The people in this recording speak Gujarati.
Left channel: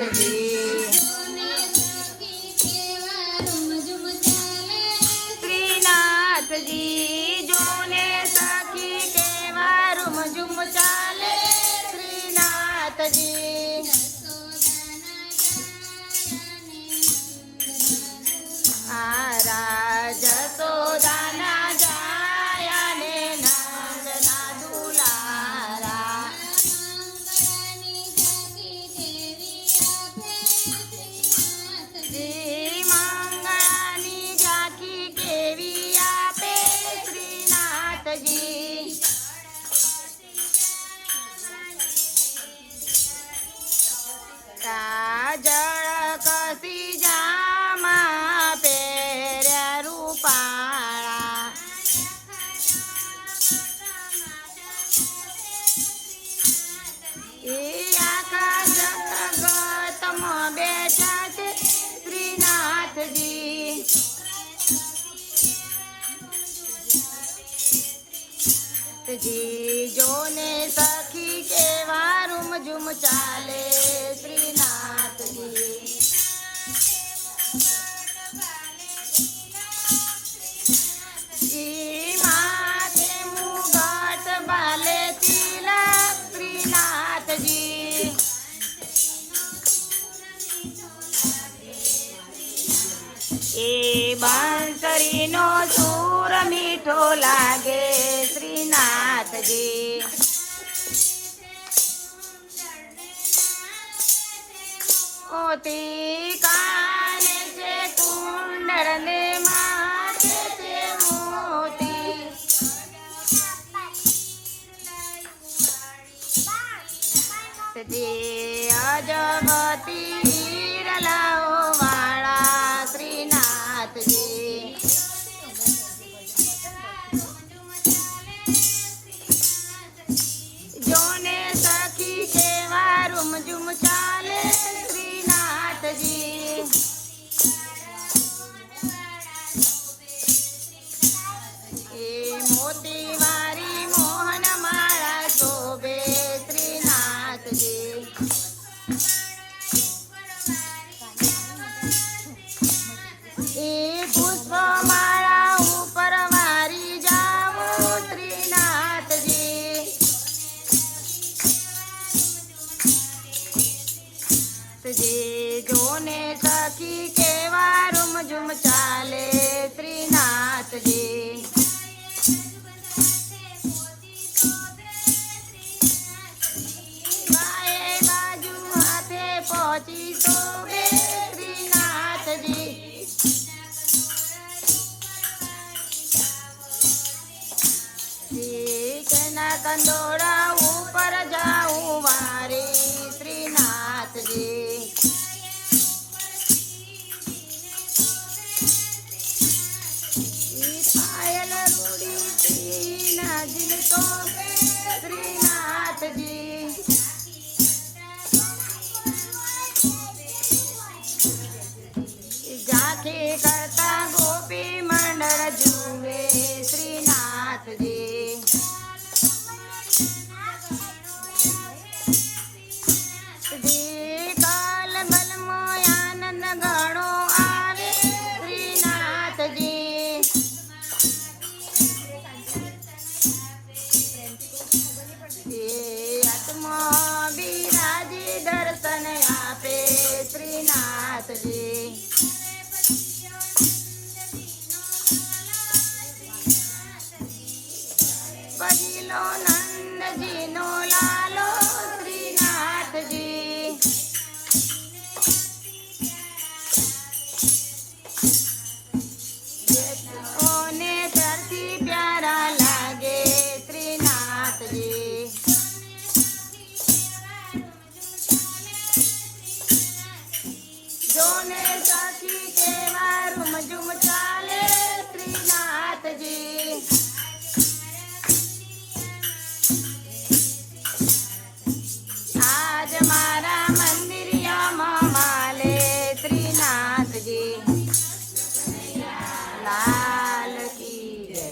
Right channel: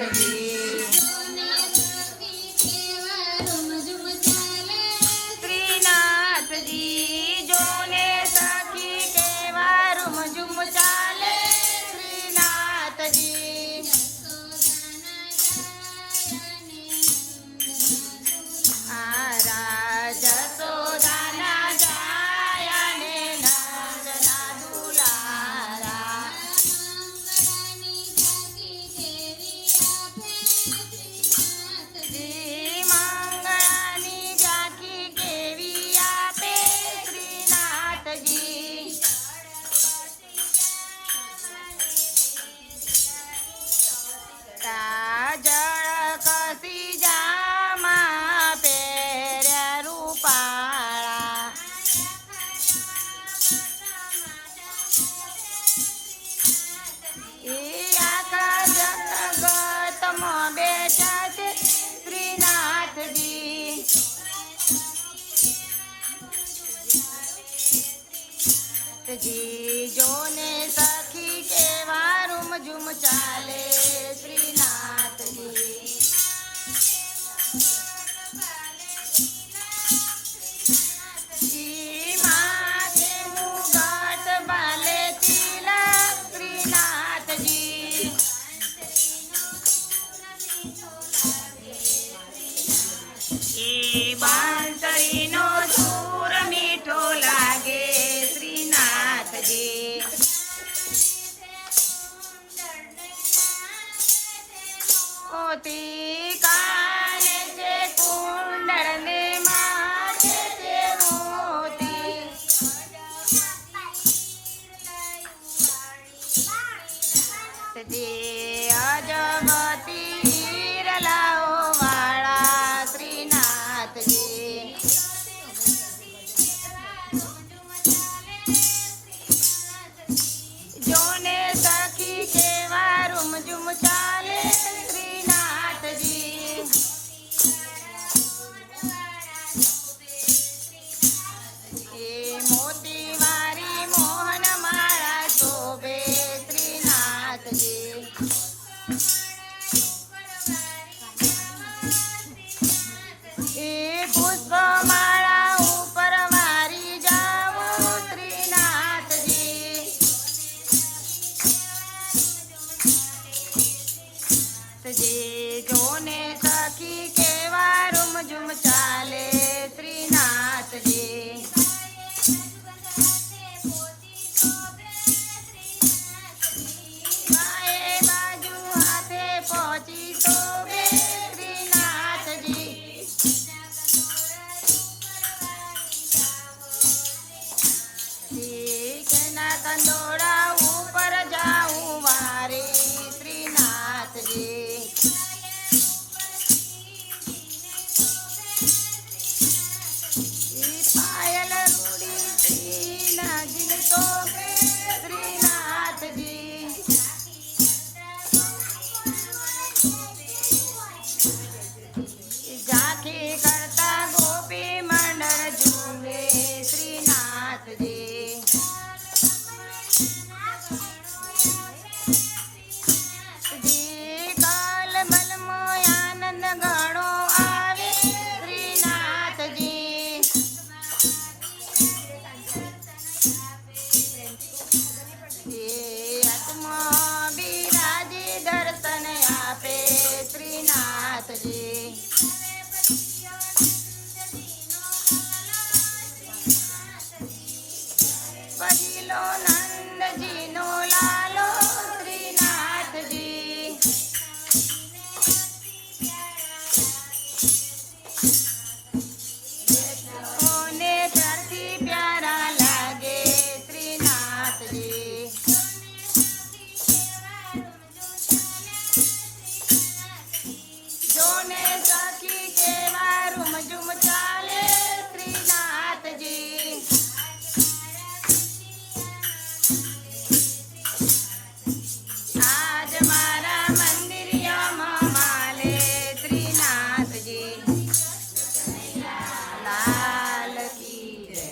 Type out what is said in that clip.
શ્રીનાથજી શ્રીનાથજી જોને સખી કેવા રૂમઝુમ ચાલે શ્રીનાથજી આ રાજ સોદાના જાય ને નંદના દુલારા શ્રી મંગળાની ઝાંખી કેવી આપે શ્રીનાથજી કાજળ કસી જામા પહેર્યા રૂપાળા એ આખા જગતમાં બેઠા છે શ્રીનાથજી જી જોને સખી કેવા રૂમઝુમ ચાલે શ્રીનાથજી ઈ માથે મુગટ બાલે તિલક શ્રીનાથજી એ બાંસરીનો સૂર મીઠો લાગે શ્રીનાથજી મોતી કાને છે કુંડળ ને માથે છે મોતી જે અજગતી હીરલાઓ વાળા શ્રીનાથજી જોને સખી કેવા રૂમઝુમ ચાલે શ્રીનાથજી એ મોતી વારી મોહન માળા શોભે શ્રીનાથજી એ પુષ્પ માળા ઉપર વારી જાઓ શ્રીનાથજી જે જોને સખી કેવા રૂમઝુમ ચાલે શ્રીનાથજી બાએ બાજુ હાથે પહોંચી શોભે શ્રીનાથજી કંદોડા